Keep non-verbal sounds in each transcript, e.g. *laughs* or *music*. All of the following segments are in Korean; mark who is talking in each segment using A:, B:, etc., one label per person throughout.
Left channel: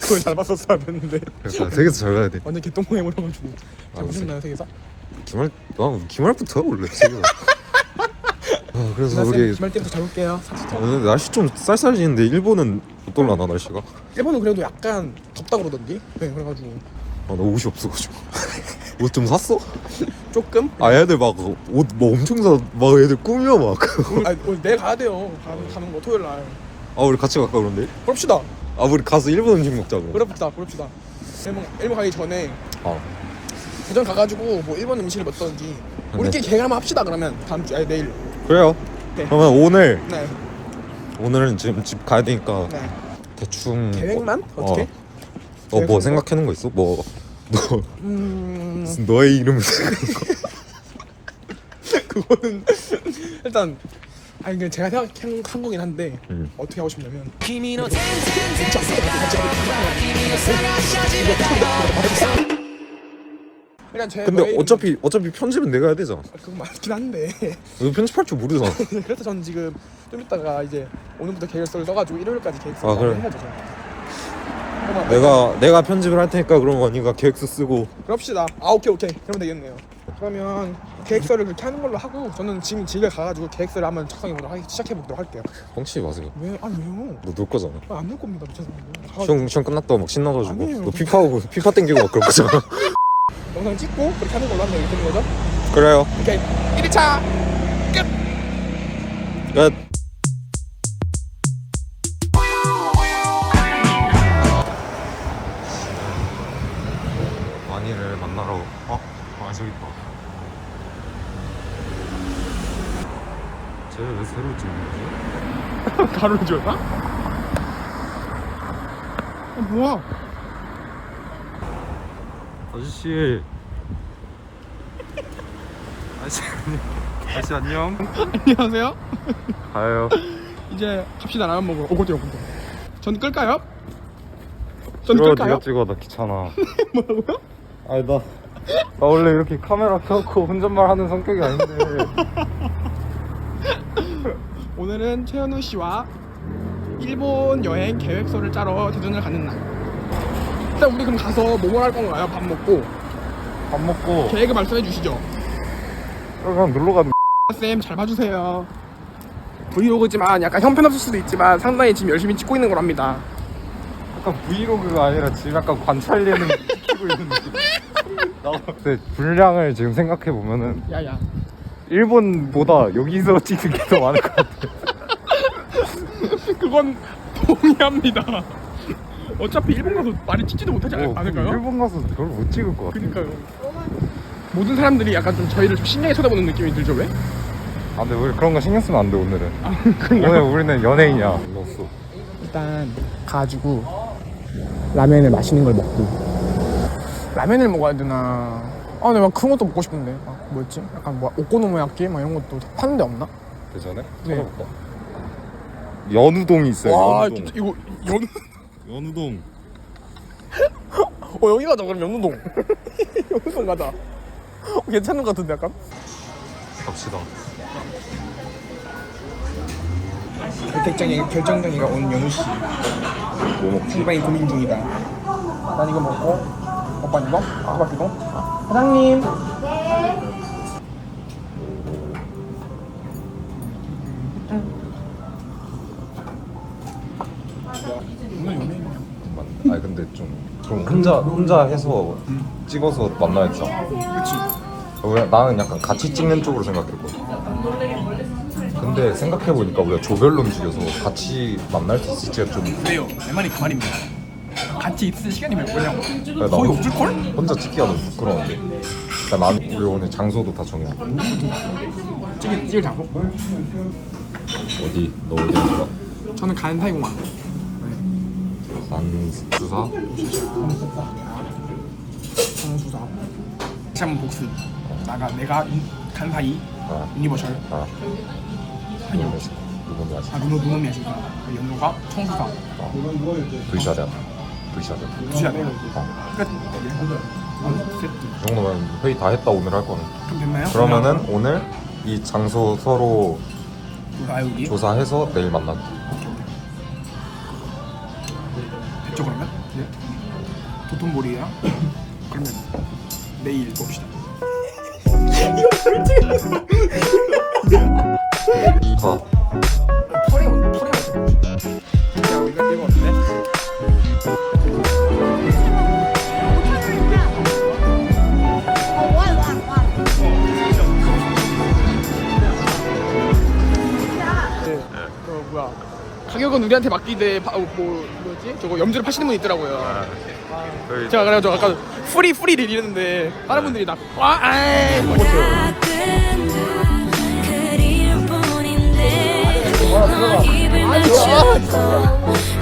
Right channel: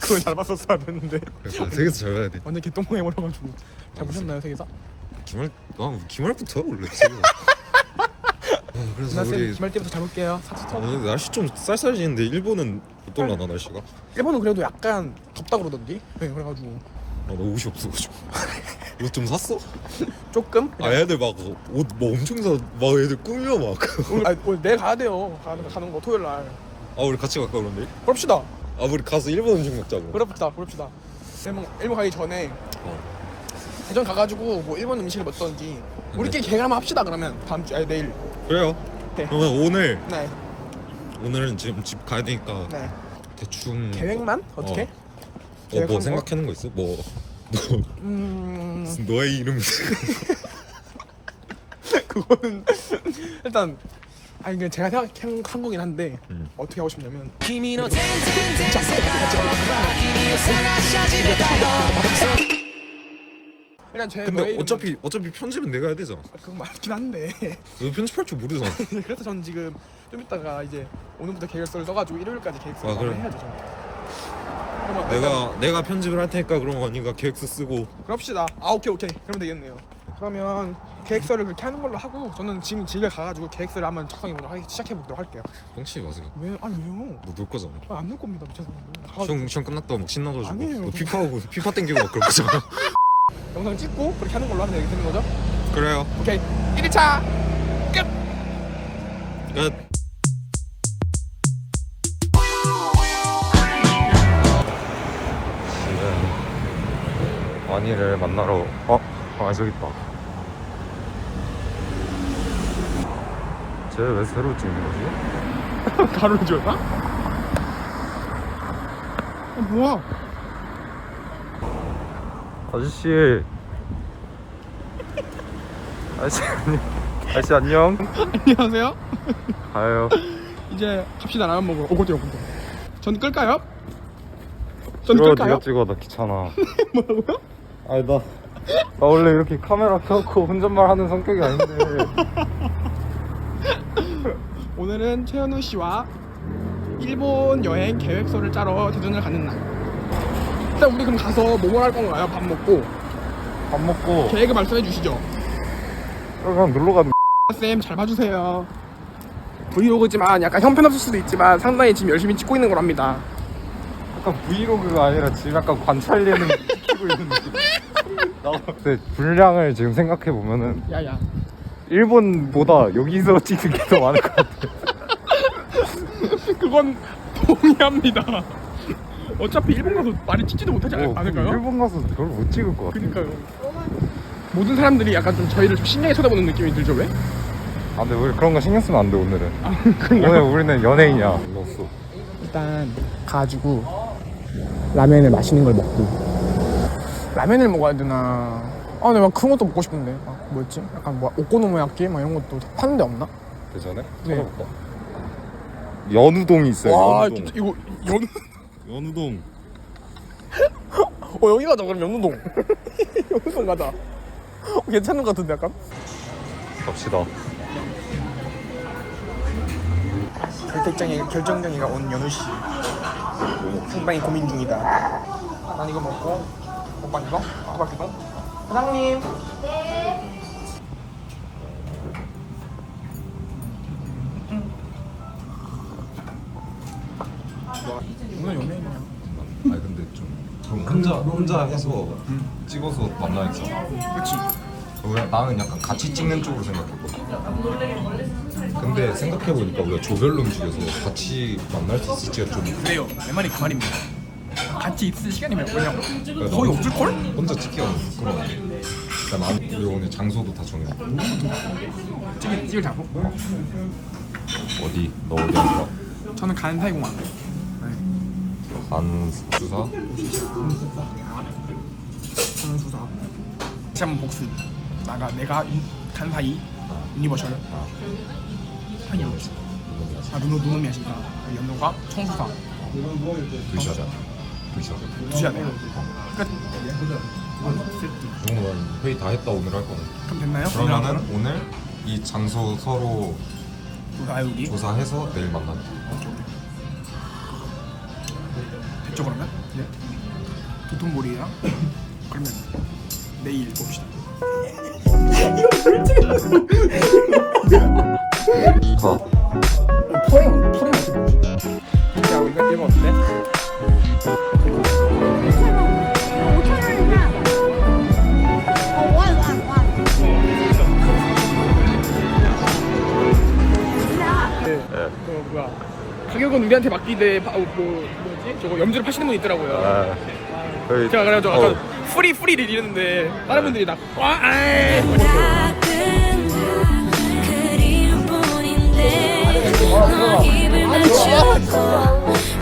A: 그걸 잘 봤었어야 됐는데.
B: 그래서 세계에서 잘 가야 돼.
A: 완전 개똥콩 해버려가지고. 잘
B: 아,
A: 보셨나요 세계사?
B: 기말 난 기말부터 원래 세계사 아 그래서 우리
A: 기말 때부터 잘 볼게요. 사투리
B: 오늘 날씨 좀 쌀쌀해지는데 일본은 어떨라나 날씨가?
A: 일본은 그래도 약간 덥다 그러던데? 네 그래가지고.
B: 아, 나 옷이 없어가지고. 옷 좀 샀어?
A: 조금?
B: 아 애들 막 옷 뭐 엄청 사막 애들 꾸며 막아
A: 오늘, 아니, 오늘 내일 가야 돼요. 가는, 가는 거 토요일 날.
B: 우리 같이 갈까 그런데?
A: 그럽시다
B: 아 우리 가서 일본 음식 먹자고
A: 그럽시다 그럽시다 일본, 일본 가기 전에
B: 아
A: 대전 가가지고 뭐 일본 음식을 먹던지 우리끼리 계획 한번 합시다 그러면 다음 주 아니 내일
B: 그래요
A: 네.
B: 그러면 오늘
A: 네,
B: 오늘은 지금 집 가야 되니까
A: 네.
B: 대충
A: 계획만? 어떻게?
B: 어 뭐
A: 계획한 거?
B: 생각해 놓은 거 있어? 뭐 너,
A: 음...
B: 너의 이름을 *laughs*
A: 그거는 일단 아니 이게 제가 생각한 한 거긴 한데
B: 음.
A: 어떻게 하고 싶냐면
C: 君の全然全世界僕は君を探し始めたよ
A: 일단 제
B: 근데
A: 너의
B: 어차피 어차피 편집은 내가 해야 되잖아
A: 이름- 그건 맞긴 한데
B: 너 편집할 줄 모르잖아 *laughs*
A: 그래서 저는 지금 좀 이따가 이제 오늘부터 계획서를 써가지고 일요일까지 계획서를
B: 아, 그래.
A: 해야죠 저는 그러면
B: 내가 내가 편집을 할 테니까 그럼 언니가 계획서 쓰고
A: 그럽시다 아 오케이 오케이 그러면 되겠네요 그러면 계획서를 그렇게 하는 걸로 하고 저는 지금 집에 가가지고 계획서를 한번 작성해보도록 하, 시작해보도록 할게요.
B: 뻥치지 마세요
A: 왜? 아니 왜요?
B: 너 놀 거잖아.
A: 아, 안놀 겁니다 죄송해요 아,
B: 시험 시험 끝났다고 막 신나가지고. 너 피파하고 피파 땡기고 막 그럴 거잖아. *laughs*
A: 영상 찍고 그렇게 하는 걸로 하면 되는 거죠?
B: 그래요.
A: 오케이. 1차!
B: 끝! 지금 완이를 만나러 어? 아 저기 있다 쟤 왜 새로 찍는 거지? *laughs*
A: 가로를 지었나? 아 뭐야
B: 아저씨 아저씨 안녕 아저씨 안녕
A: 안녕하세요
B: 가요 *laughs*
A: 이제 갑시다 라면 먹으러 오 깜짝이야 깜짝이야 전 끌까요? 전 끌까요?
B: 네가 찍어 나 귀찮아 *laughs*
A: 뭐라고요?
B: 아니 나, 나 원래 이렇게 카메라 켜놓고 혼잣말 하는 성격이 아닌데. *laughs*
A: 오늘은 최현우 씨와 일본 여행 계획서를 짜러 대전을 가는 날. 일단 우리 그럼 가서 뭐뭐 할 건가요? 밥 먹고?
B: 밥 먹고.
A: 계획을 말씀해 주시죠.
B: 그냥 놀러 가는
A: 쌤 잘 봐주세요. 브이로그지만 약간 형편없을 수도 있지만 상당히 지금 열심히 찍고 있는 거랍니다.
B: 약간 브이로그가 아니라 지금 약간 관찰 예능 *laughs* 찍고 있는 느낌 근데 분량을 지금 생각해 보면은
A: 야야.
B: 일본보다 여기서 찍는 게 더 많을 것 같아. *laughs*
A: 그건 동의합니다. 어차피 일본 가서 많이 찍지도 못하지 않-
B: 어,
A: 않을까요?
B: 일본 가서 별로 못 찍을 것 같아.
A: 그니까요. 모든 사람들이 약간 좀 저희를 좀 신기하게 쳐다보는 느낌이 들죠 왜?
B: 아 근데 우리 그런 거 신경 쓰면 안 돼 오늘은.
A: 아?
B: 오늘 우리는 연예인이야.
A: 일단 가가지고 라면을 맛있는 걸 먹고 라면을 먹어야 되나 아 근데 막 그런 것도 먹고 싶은데 막 뭐였지? 약간 뭐 오코노미야끼 막 이런 것도 파는 데 없나?
B: 대전에?
A: 네.
B: 찾아볼까? 연우동이 있어요
A: 와
B: 연우동
A: 진짜 이거 연... *laughs*
B: 연우동
A: 어 여기 가자 그럼 연우동 *laughs* 연우동 가자 어, 괜찮은 것 같은데 약간?
B: 갑시다
A: 결정장애 결정장애가 온 연우 씨 상당히 고민 중이다. 난 이거 먹고 오빠 이거 아까바퀴도 사장님. 오늘 연예인이야.
B: 아니 근데 좀, 좀 혼자 혼자 해서 찍어서 만나야겠어.
A: 그렇지.
B: 왜 나는 약간 같이 찍는 쪽으로 생각했거든. 근데 생각해 보니까 우리가 조별로 움직여서 같이 만날 수 있을지가 좀
A: 그래요. 내 말이 그 말입니다. 같이 있을 시간이 몇 뭐냐고.
B: 나
A: 거의 없을 걸?
B: 혼자 찍기가 너무 부끄러운데. 그러니까 나는 우리 오늘 장소도 다 정해.
A: 찍을 찍을 장소.
B: 어디 너 어디 할 거야?
A: 저는 간 사이공항.
B: 안 주사?
A: 저는 수사. 다시 한번 복수 나가 내가 인- 간 사이
B: 어.
A: 유니버셜
B: 어.
A: 한이
B: 이건 뭐지?
A: 아 누노 누노 미야신가 연노가 청수사
B: 불샤자. 불샤자.
A: 두셔야 돼요
B: 끝이 정도면 회의 다 했다 오늘 할 거는.
A: 그럼 됐나요?
B: 그러면은 오늘 이 장소 서로
A: 아 여기
B: 조사해서 내일 만나기.
A: 됐죠 그러면? 네 도톤보리야 그러면 내일 봅시다 *laughs* 가격은 우리한테 맡기되 바, 어, 뭐 뭐지 저거 염주를 파시는 분 있더라고요. 제가 그래가지고 약간 프리 프리를 이랬는데 다른 분들이 나와
D: 가끔 그리울 뿐인데 너 입을 맞추고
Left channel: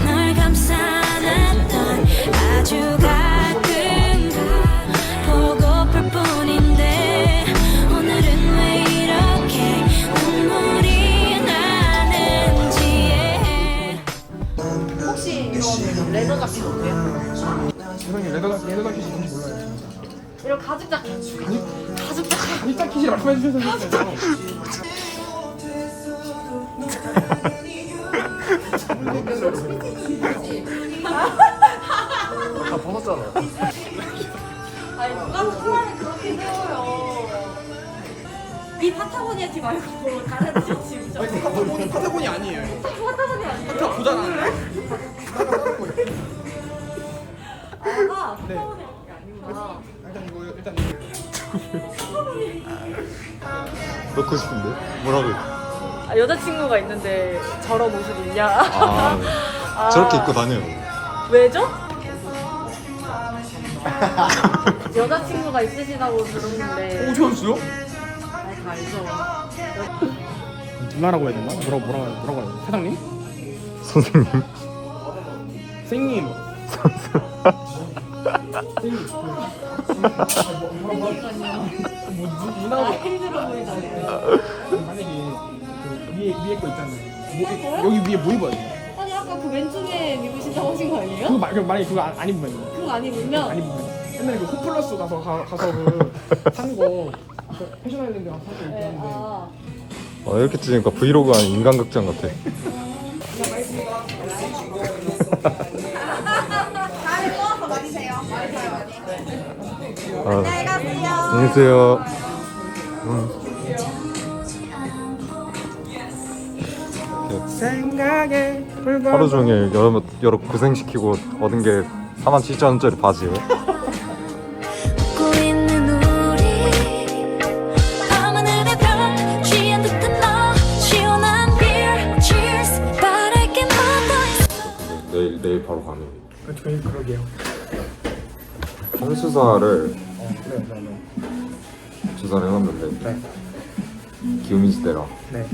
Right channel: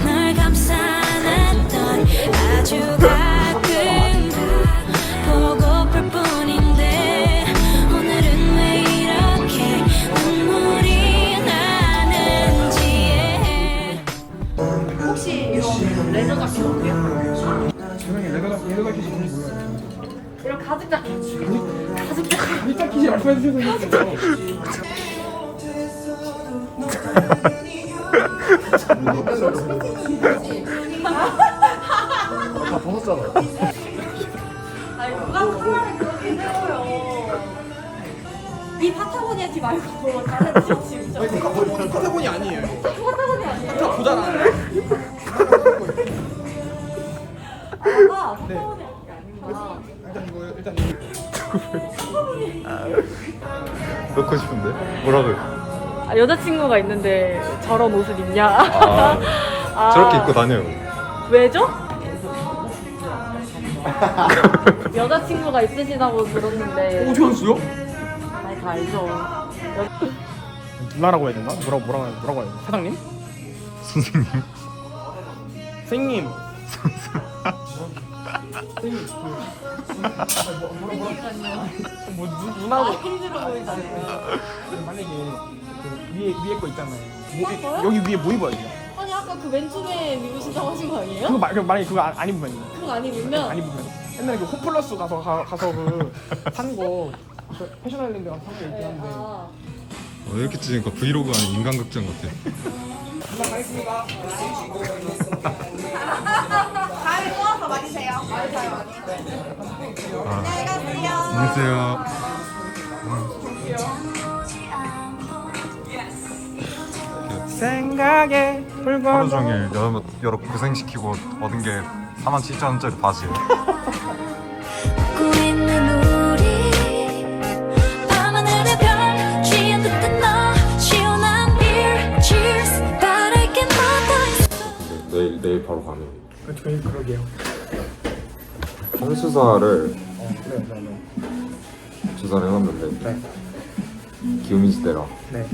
E: 이런 가죽 자켓 가죽 자켓
A: 가죽 키시 라고 해주세요.
E: 아니 누가 소만이 그렇게 해줘요 이 파타고니아 티 말고 다른 티 진짜
A: 파타고니 파타고니 아니에요.
E: 파타고니아 아니에요?
A: 파타 보잖아요.
E: 아
B: 그렇고 싶은데? 뭐라고?
E: 아, 여자친구가 있는데 저런 옷을 입냐
B: 아 *laughs* 저렇게 입고 다녀요.
E: 왜죠? *laughs* 여자친구가 있으시다고 들었는데? 아니, 다 알죠
A: 누나라고 해야 되나? 뭐라고 뭐라고 뭐라고 해야 돼? 사장님?
B: 선생님.
A: 선생님. *laughs* 뭐 누,
E: 아
A: 누나고
E: 힘들어 보이다
A: 만약에 그 위에 위에 거 있잖아요. 뭐, 여기 위에 뭐 입어야 돼요?
E: 아니 아까 그 맨투맨 입으신다고 하신 거 아니에요?
A: 그거 마, 그 만약에 그거 안, 안 입으면
E: 그거 안 입으면
A: 안 입으면 옛날에 그 홈플러스 가서 가, 가서 그산거 그 패션 아일랜드 가서 산게 있긴
E: 네,
A: 한데
E: 아.
B: 어, 이렇게 찍으니까 브이로그 아닌 인간극장 같아. *laughs*
F: 다음에 또 와서 많이 세요.
B: 계세요.
A: 생각에 불과
B: 하루 종일 여러, 여러 고생시키고 얻은 게 4만 7천 원짜리 바지예요. *laughs*
D: 웃고 있는 우리 밤하늘의 별 취한 듯한 너 시원한 beer cheers 바랄 게 묻어 있어
B: 근데 내일 내일 바로 가면
A: 저희 그러게요.
B: 성수사를
A: 어, 네, 네, 네.
B: 조사를 해봤는데
A: 네.
B: 기요미지대라.
A: 네.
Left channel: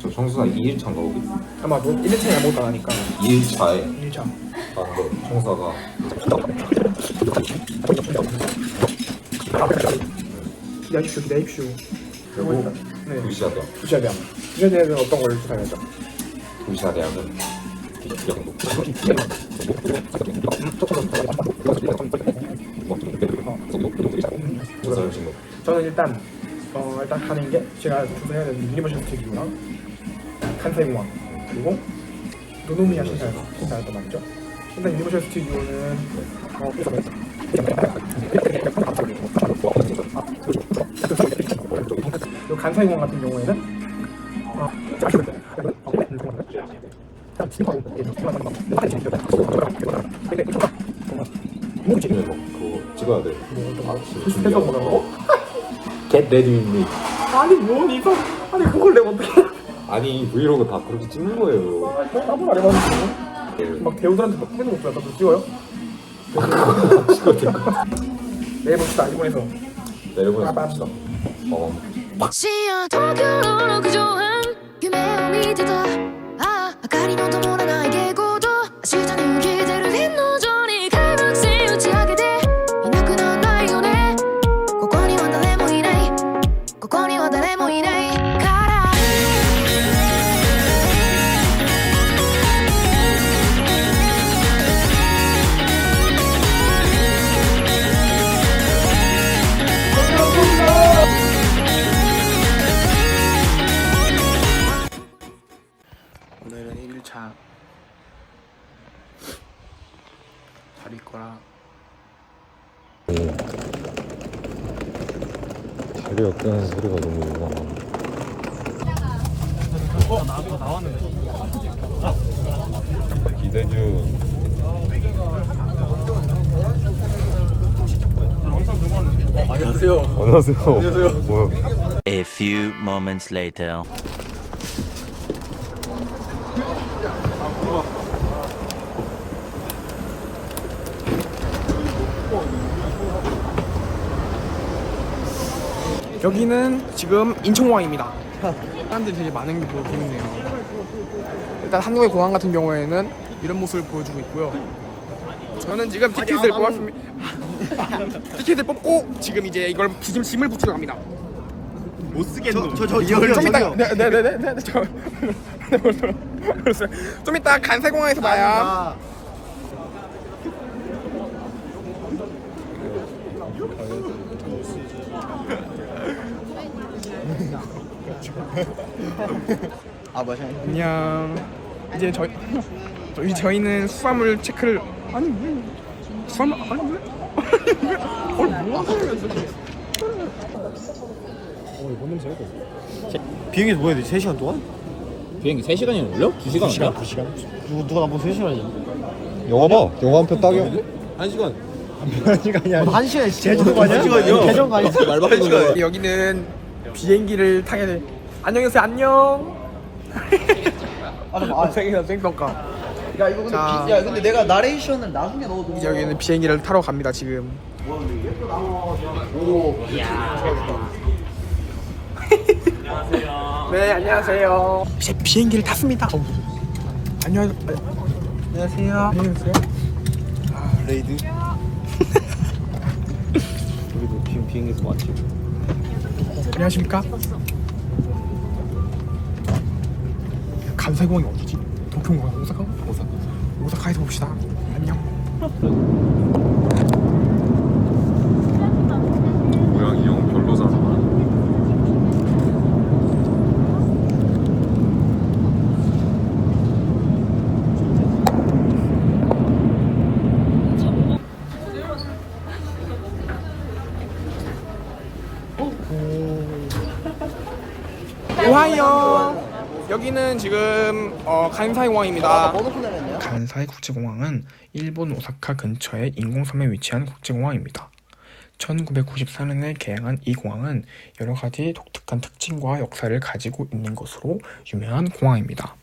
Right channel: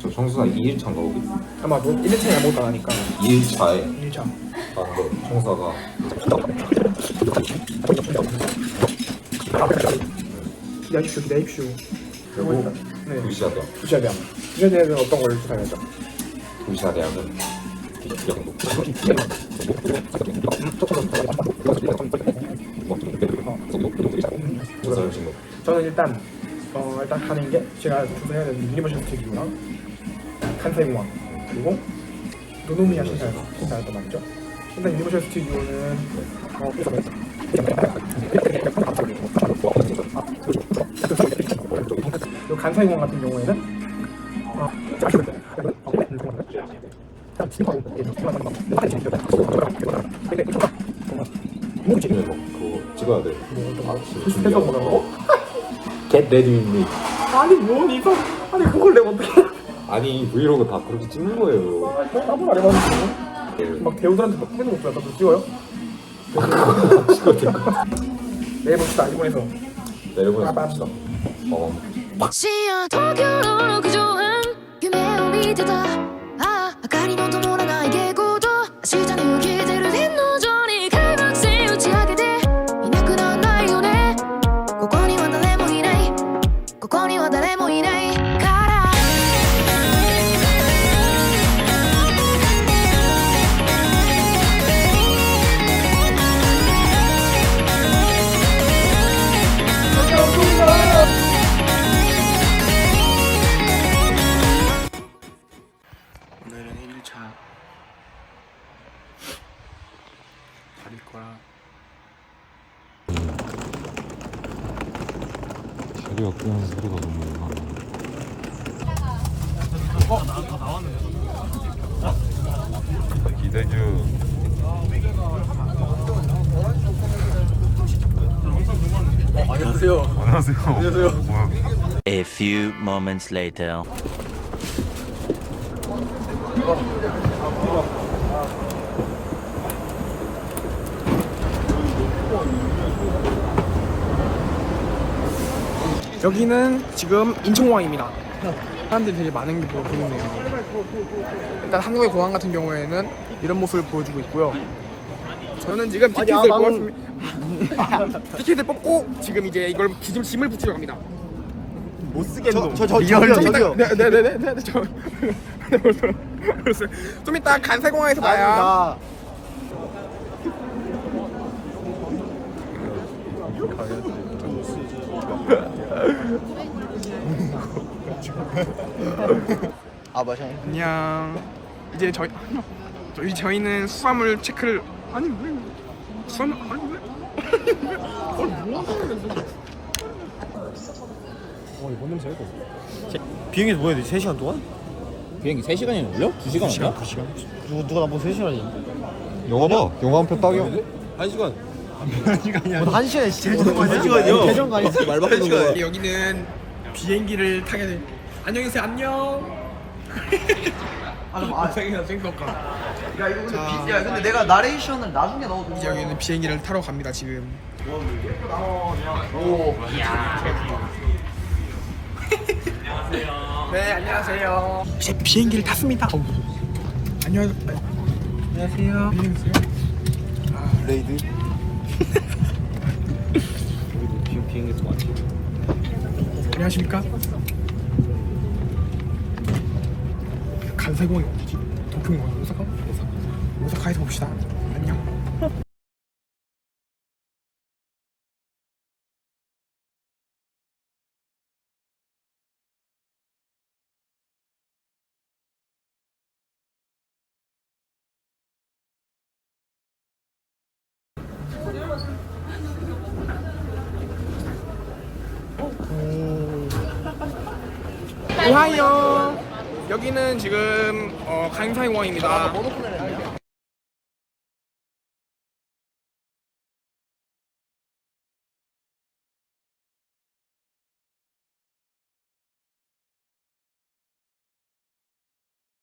B: 저 성수사 2일차인가 거기?
A: 아마 뭐 1차에 아무것도 안 하니까
B: 2일차에
A: 1차.
B: 나한테 청사가
A: 기다십시오, 기다십시오.
B: 그리고
A: 네.
B: 도시아대학.
A: 부시아대학. 부시아대학은 어떤 걸 조사해야죠?
B: 거.
A: 저는 일단 어 일단 가는 게 제가 조사 해야 되는 유니버셜 스튜디오랑 칸사이 공항 그리고 노노미야 신사였 신사였단 말이죠. 일단 스튜디오는 어요 간사이 공항 같은 경우에는 해서 뭐라고? Get ready with me. 아니 뭔 이상? 아니 그걸 내가 어떻게?
B: 아니 브이로그 다 그렇게 찍는 거예요.
A: 한번 안 해봤는데. 막 배우들한테 막 해는 못 보여. 나도 찍어요?
B: 찍어도 될까?
A: 내일 봅시다 일본에서.
B: 내려보내서
A: 아,
B: 봅시다. 어.
D: 深夜東京の六畳半夢を見てたああ明かりの灯らない下校
G: 안녕하세요.
B: 안녕하세요. 안녕하세요.
H: A few moments later.
G: 여기는 지금 인천공항입니다. 사람들이 되게 많은 게 보여- 보이네요. 일단 한국의 공항 같은 경우에는 이런 모습을 보여주고 있고요. 저는 지금 티켓을 뽑았습니다 *laughs* 티켓을 뽑고 지금 이제 이걸 지금 짐을 붙이러 갑니다. 못 쓰겠노. 저, 저, 저, 좀 이따 네네네네 저 벌써 벌써 *laughs* 좀 이따 간세공항에서 봐요. *laughs* 안녕. 이제 저희 저희 저희는 수화물 체크를 아니 왜 수화물 아니 왜?
I: 비행기 뭐야 돼? 3시간 동안?
J: 비행기 3시간이나 걸려? 2시간 2시간?
I: 2시간? 누구, 누가 나보고 3시간이냐?
B: 영화 봐 영화 한 편 딱이야
I: 1시간 1시간이 아니야 1시간 제주도 가냐? 1시간이요? 대전 가냐?
J: 말밖에 못 거야.
G: 여기는 비행기를 타게 돼. 안녕하세요 안녕. 아, 생이나 생떡가.
I: 야 이거 근데
G: 자.
I: 비, 야 근데 내가 나레이션을 나중에 넣어도
G: 이제 여기는 비행기를 타러 갑니다 지금. 네 안녕하세요. 이제 비행기를 탔습니다. 어, 안녕. 안녕하세요. 안녕하세요.
I: 레이드 우리도 지금 비행기에서 왔지
G: 안녕하십니까? 간세공항이 어디지? 도쿄공항 오사카? 오사카 오사카에서 봅시다. 안녕.
B: 고양이 형 별로잖아.
G: 오하이요. 여기는 지금 어, 간사이 공항입니다. 간 사이 국제공항은 일본 오사카 근처의 인공섬에 위치한 국제공항입니다 1994년에 개항한 이 공항은 여러 가지 독특한 특징과 역사를 가지고 있는 것으로 유명한 공항입니다.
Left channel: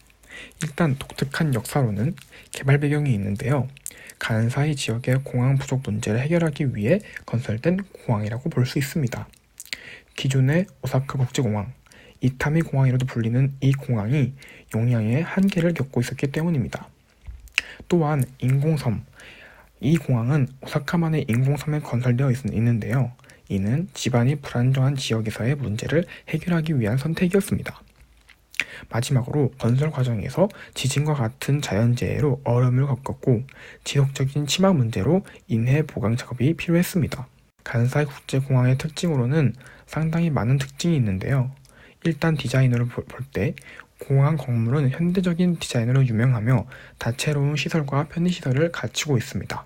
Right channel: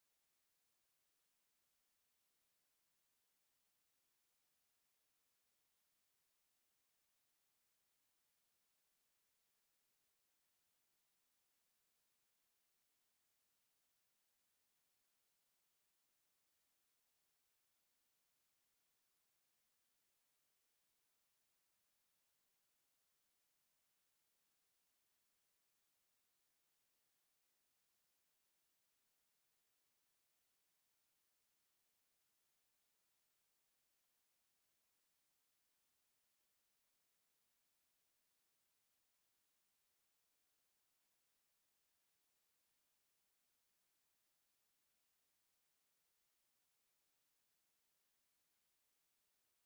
G: 일단 독특한 역사로는 개발 배경이 있는데요. 간사이 지역의 공항 부족 문제를 해결하기 위해 건설된 공항이라고 볼 수 있습니다. 기존의 오사카 국제공항, 이타미 공항이라도 불리는 이 공항이 용량의 한계를 겪고 있었기 때문입니다. 또한 인공섬, 이 공항은 오사카만의 인공섬에 건설되어 있, 있는데요. 이는 집안이 불안정한 지역에서의 문제를 해결하기 위한 선택이었습니다. 마지막으로 건설 과정에서 지진과 같은 자연재해로 어려움을 겪었고 지속적인 치마 문제로 인해 보강 작업이 필요했습니다. 간사이 국제공항의 특징으로는 상당히 많은 특징이 있는데요. 일단 디자인으로 볼 때 공항 건물은 현대적인 디자인으로 유명하며 다채로운 시설과 편의시설을 갖추고 있습니다.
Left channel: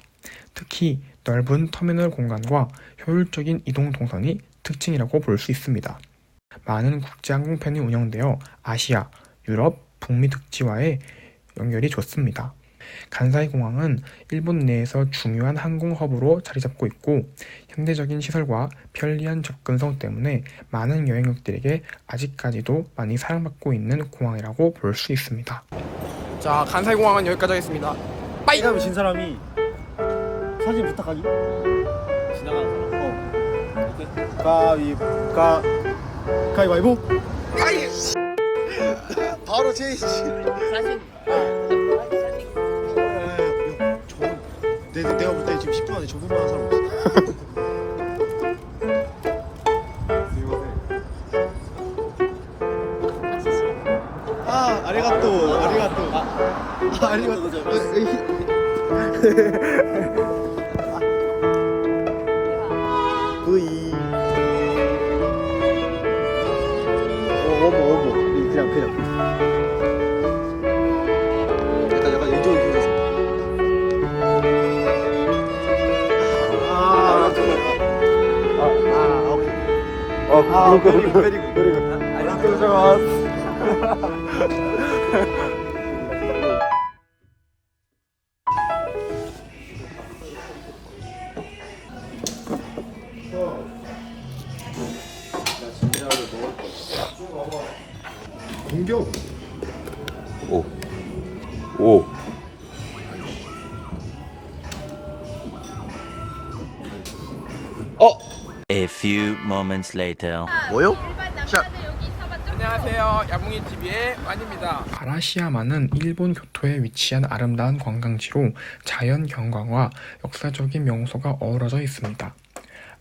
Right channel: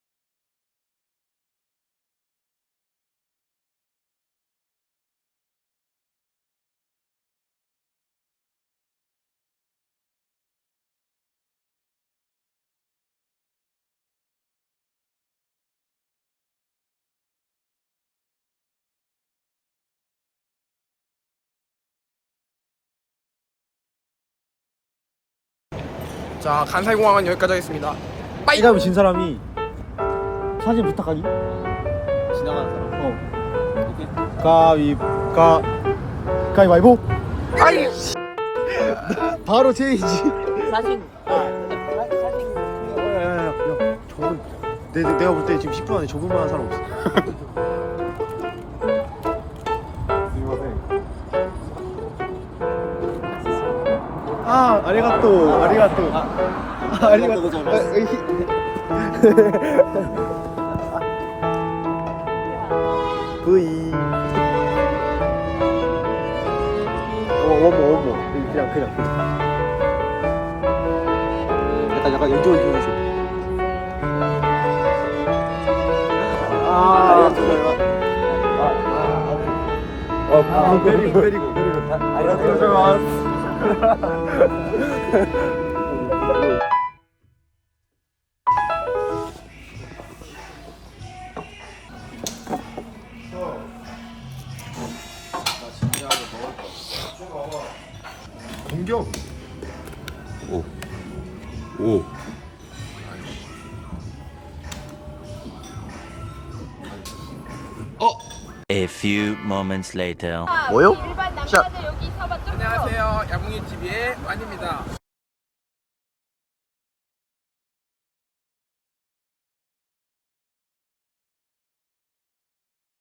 G: 특히 넓은 터미널 공간과 효율적인 이동 동선이 특징이라고 볼 수 있습니다. 많은 국제 항공편이 운영되어 아시아, 유럽, 북미 특지와의 연결이 좋습니다. 간사이 공항은 일본 내에서 중요한 항공 허브로 자리 잡고 있고 현대적인 시설과 편리한 접근성 때문에 많은 여행객들에게 아직까지도 많이 사랑받고 있는 공항이라고 볼 수 있습니다. 자, 간사이 공항은 여기까지 하겠습니다. 빠이!
I: 이 다음에 진 사람이 사진 부탁하기 지나가는 사람 어 오케이 가위 가 가위바위보
G: 아이!
I: 바로 체인지 사진 내, 내- 내가 볼 때 지금 10분 안에 저분만 한 사람 없어. *laughs* 아 아리가또 아리가또. 아, 아리가또. 아, 으이. 그이. 어, 원모 원모 *laughs* 그냥 그냥. 약간 약간 이쪽으로 보여주 아, 아, 아, 베리고, 베리고, 베리고. 고자이마스.
K: 공격. 오. 오.
H: Few moments later.
J: 뭐요?
G: 안녕하세요. 야봉이 TV의 완입니다. 아라시야마는 일본 교토에 위치한 아름다운 관광지로 자연 경관과 역사적인 명소가 어우러져 있습니다.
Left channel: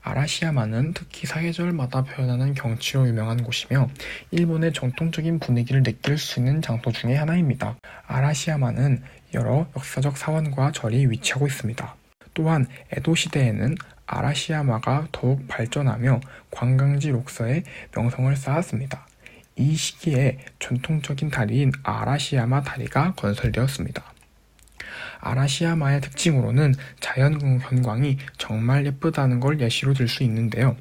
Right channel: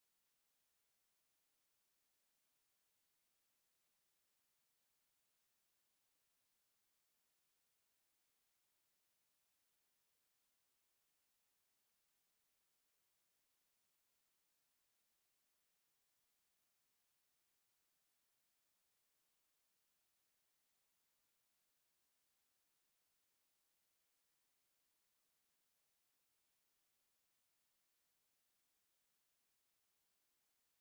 G: 아라시야마는 특히 사계절마다 표현하는 경치로 유명한 곳이며 일본의 전통적인 분위기를 느낄 수 있는 장소 중의 하나입니다. 아라시야마는 여러 역사적 사원과 절이 위치하고 있습니다. 또한 에도 시대에는 아라시야마가 더욱 발전하며 관광지 록서에 명성을 쌓았습니다. 이 시기에 전통적인 다리인 아라시야마 다리가 건설되었습니다. 아라시야마의 특징으로는 자연 현광이 정말 예쁘다는 걸 예시로 들 수 있는데요.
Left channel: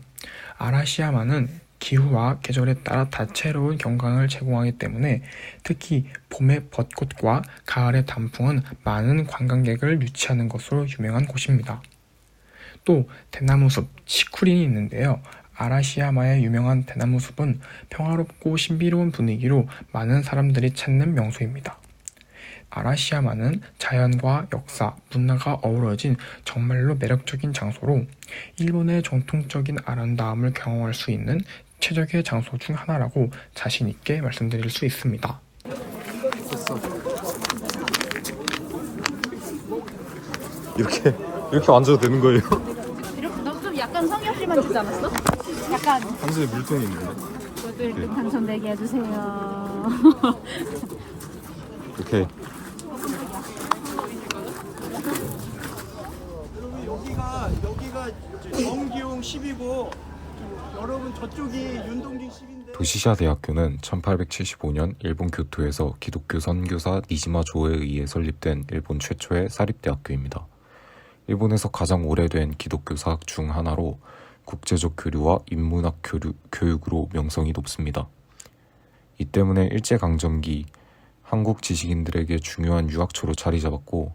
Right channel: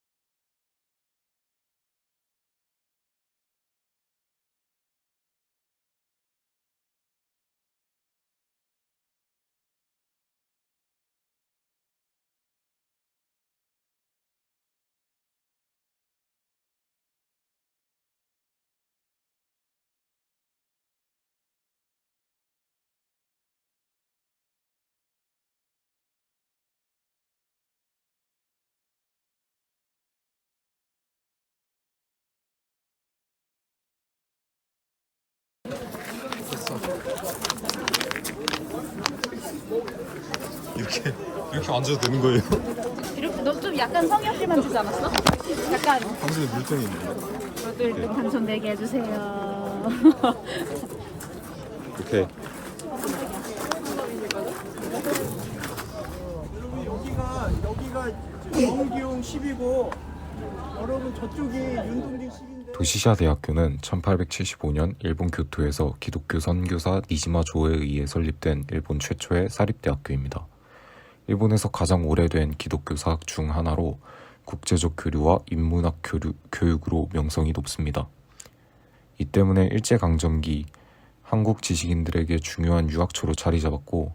G: 아라시야마는 기후와 계절에 따라 다채로운 경광을 제공하기 때문에 특히 봄의 벚꽃과 가을의 단풍은 많은 관광객을 유치하는 것으로 유명한 곳입니다. 또 대나무숲 치쿠린이 있는데요. 아라시야마의 유명한 대나무숲은 평화롭고 신비로운 분위기로 많은 사람들이 찾는 명소입니다. 아라시야마는 자연과 역사, 문화가 어우러진 정말로 매력적인 장소로 일본의 전통적인 아름다움을 경험할 수 있는 최적의 장소 중 하나라고 자신 있게 말씀드릴 수 있습니다.
K: 이렇게 이렇게 앉아도 되는 거예요?
E: 이렇게 너 좀 약간 성형 시간 주지 않았어? 약간
K: 한줄에 물통이 있는데.
E: 저도 1등 당첨되게 해주세요.
K: 오케이.
I: 여기가 여기가 정기용 10이고 여러분 저쪽이 윤동진 10인데.
K: 도시샤 대학교는 1875년 일본 교토에서 기독교 선교사 니지마 조에 의해 설립된 일본 최초의 사립대학교입니다. 일본에서 가장 오래된 기독교 사학 중 하나로 국제적 교류와 인문학 교류, 교육으로 명성이 높습니다. 이 때문에 일제강점기 한국 지식인들에게 중요한 유학처로 자리 잡았고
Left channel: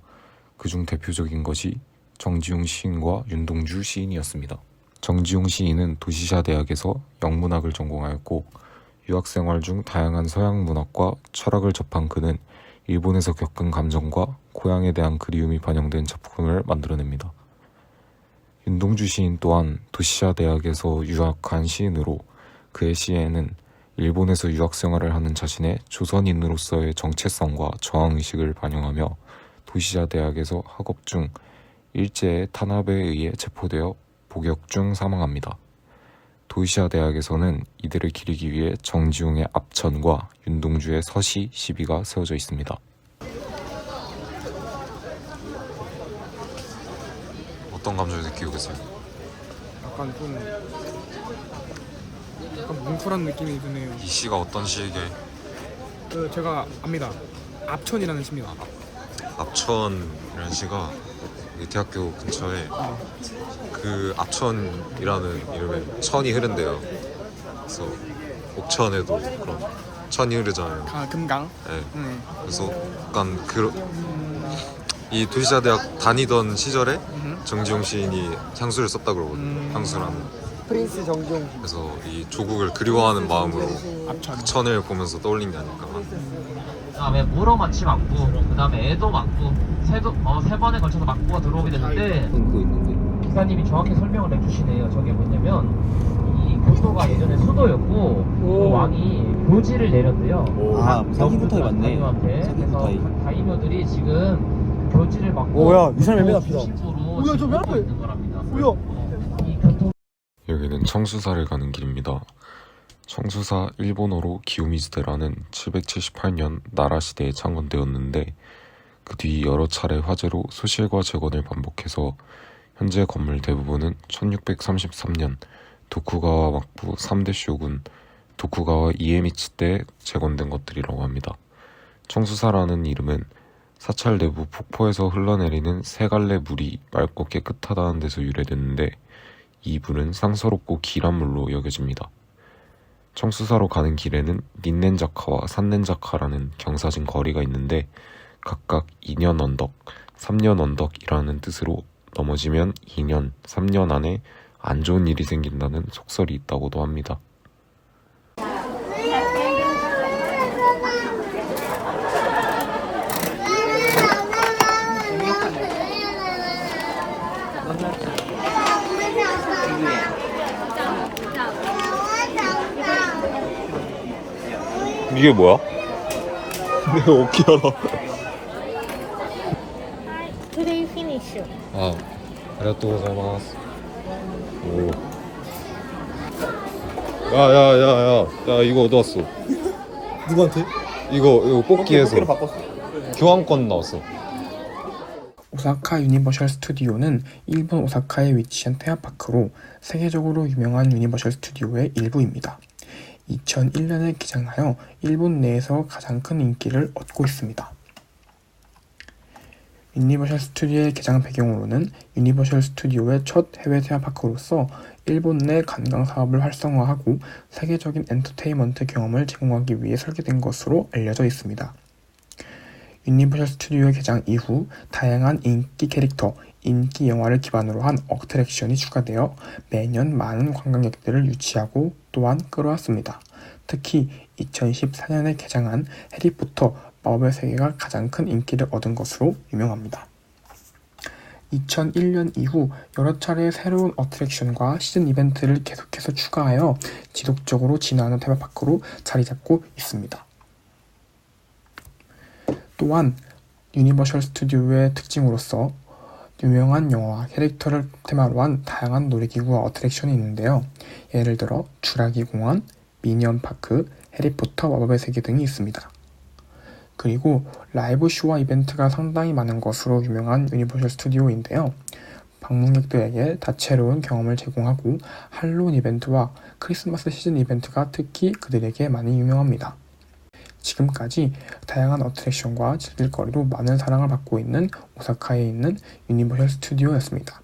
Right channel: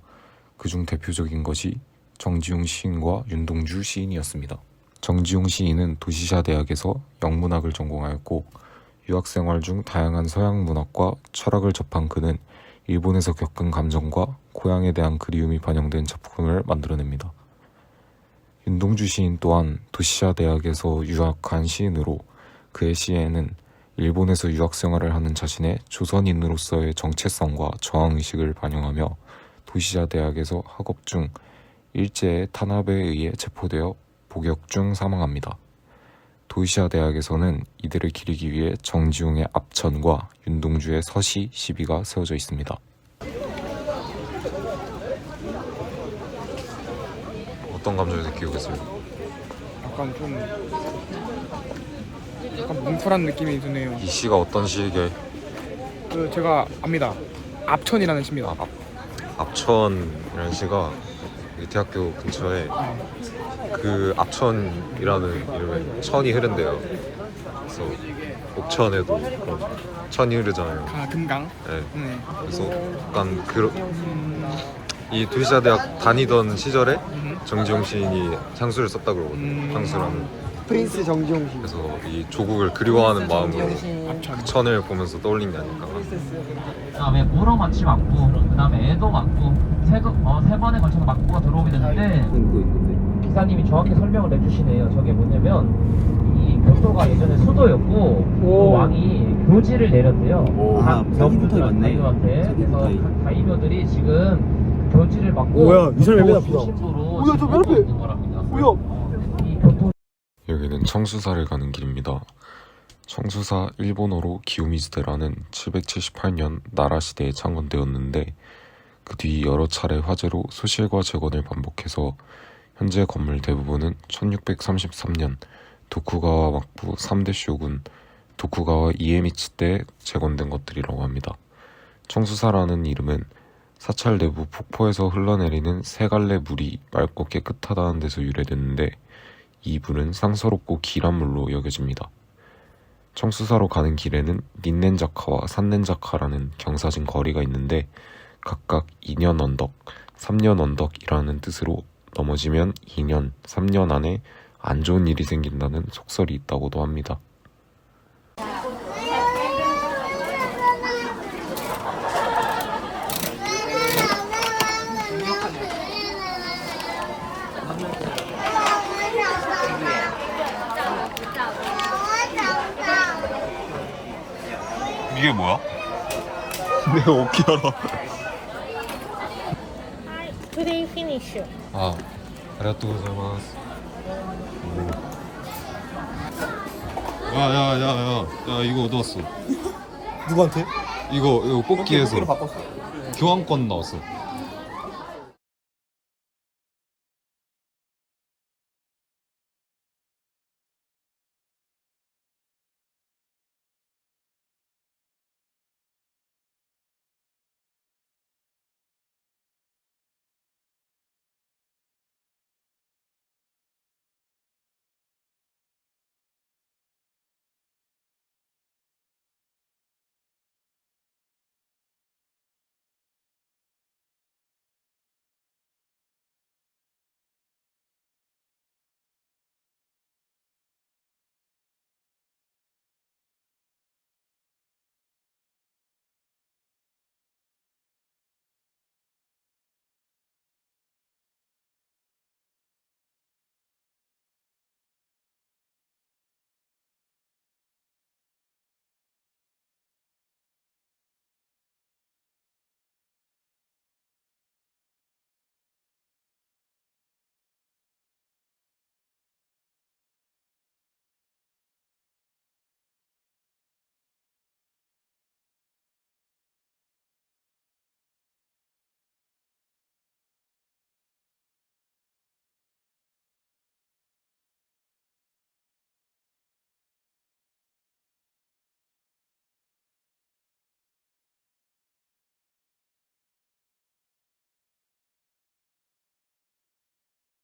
K: 그중 대표적인 것이 정지용 시인과 윤동주 시인이었습니다. 정지용 시인은 도시샤 대학에서 영문학을 전공하였고 유학 생활 중 다양한 서양 문학과 철학을 접한 그는 일본에서 겪은 감정과 고향에 대한 그리움이 반영된 작품을 만들어냅니다. 윤동주 시인 또한 도시샤 대학에서 유학한 시인으로 그의 시에는 일본에서 유학 생활을 하는 자신의 조선인으로서의 정체성과 저항의식을 반영하며 도시샤 대학에서 학업 중 일제의 탄압에 의해 체포되어 복역 중 사망합니다. 도시아 대학에서는 이들을 기리기 위해 정지용의 압천과 윤동주의 서시 시비가 세워져 있습니다. 어떤 감정을 느끼고 계세요?
G: 약간 좀 약간 뭉클한 느낌이 드네요.
K: 이 시가 어떤 시에게
G: 그 제가 압니다. 압천이라는 시입니다.
K: 압천이라는 시가 이 대학교 근처에 그 압천이라는 이름의 천이 흐른대요. 그래서 옥천에도 그런 천이 흐르잖아요.
G: 아 금강.
K: 네.
G: 네.
K: 그래서 약간 그, 이 도시자 대학 다니던 시절에
G: 음.
K: 정지용 시인이 향수를 썼다 그러거든요.
G: 음.
K: 향수라는.
G: 프린스 정지용 씨.
K: 그래서 이 조국을 그리워하는 마음으로
G: 압천.
K: 천을 보면서 떠올린 게 아닐까.
L: 그다음에 무로 마치 맞고 그다음에 애도 맞고 세도 어, 세 번에 걸쳐서 맞고가 들어오게 되는데
J: 있는데.
L: 기사님이 정확히 설명을 해주시네요. 저게 뭐냐면 이 교토가 예전에 수도였고 그 왕이 묘지를 내렸대요.
I: 아, 사기부터 맞네.
L: 다이노한테 그래서
I: 사기부터.
L: 다- 다이노들이 지금 묘지를 막고
I: 뭐야, 이 사람이
L: 교토
I: 앞이다.
L: 중심부로
I: 뭐야, 저
L: 지금
I: 맨
L: 하고
I: 앞에.
L: 있는 거랍니다.
I: 뭐야?
L: 이 교토
K: 여기는 청수사를 가는 길입니다. 청수사 일본어로 기요미즈데라는 778년 나라 시대에 창건되었는데 그 뒤 여러 차례 화재로 소실과 재건을 반복해서 현재 건물 대부분은 1633년 도쿠가와 막부 3대 쇼군 도쿠가와 이에미치 때 재건된 것들이라고 합니다. 청수사라는 이름은
B: 사찰 내부 폭포에서 흘러내리는 세 갈래 물이 맑고 깨끗하다는 데서 유래됐는데 이 물은 상서롭고 길한 물로 여겨집니다. 청수사로 가는 길에는 닌넨자카와 산넨자카라는 경사진 거리가 있는데 각각 2년 언덕, 3년 언덕이라는 뜻으로 넘어지면 2년, 3년 안에 안 좋은 일이 생긴다는 속설이 있다고도 합니다.
I: 이게 뭐야? 내가 어
M: finish.
B: 아, 이거.
I: 누구한테?
B: 이거 이거 뽑기에서
I: 뽑기로 바꿨어.
B: 교환권 나왔어.
G: 오사카 유니버셜 스튜디오는 일본 오사카에 위치한 테마파크로 세계적으로 유명한 유니버셜 스튜디오의 일부입니다. 2001년에 개장하여 일본 내에서 가장 큰 인기를 얻고 있습니다. 유니버셜 스튜디오의 개장 배경으로는 유니버셜 스튜디오의 첫 해외 테마파크로서 일본 내 관광 사업을 활성화하고 세계적인 엔터테인먼트 경험을 제공하기 위해 설계된 것으로 알려져 있습니다. 유니버셜 스튜디오의 개장 이후 다양한 인기 캐릭터, 인기 영화를 기반으로 한 어트랙션이 추가되어 매년 많은 관광객들을 유치하고 또한 끌어왔습니다. 특히 2014년에 개장한 해리포터 마법의 세계가 가장 큰 인기를 얻은 것으로 유명합니다. 2001년 이후 여러 차례 새로운 어트랙션과 시즌 이벤트를 계속해서 추가하여 지속적으로 진화하는 테마파크로 자리 잡고 있습니다. 또한 유니버셜 스튜디오의 특징으로서 유명한 영화와 캐릭터를 테마로 한 다양한 놀이기구와 어트랙션이 있는데요. 예를 들어 주라기 공원, 미니언 파크, 해리포터 마법의 세계 등이 있습니다. 그리고 라이브 쇼와 이벤트가 상당히 많은 것으로 유명한 유니버셜 스튜디오인데요. 방문객들에게 다채로운 경험을 제공하고 할로윈 이벤트와 크리스마스 시즌 이벤트가 특히 그들에게 많이 유명합니다. 지금까지 다양한 어트랙션과 즐길거리로 많은 사랑을 받고 있는 오사카에 있는 유니버셜 스튜디오였습니다.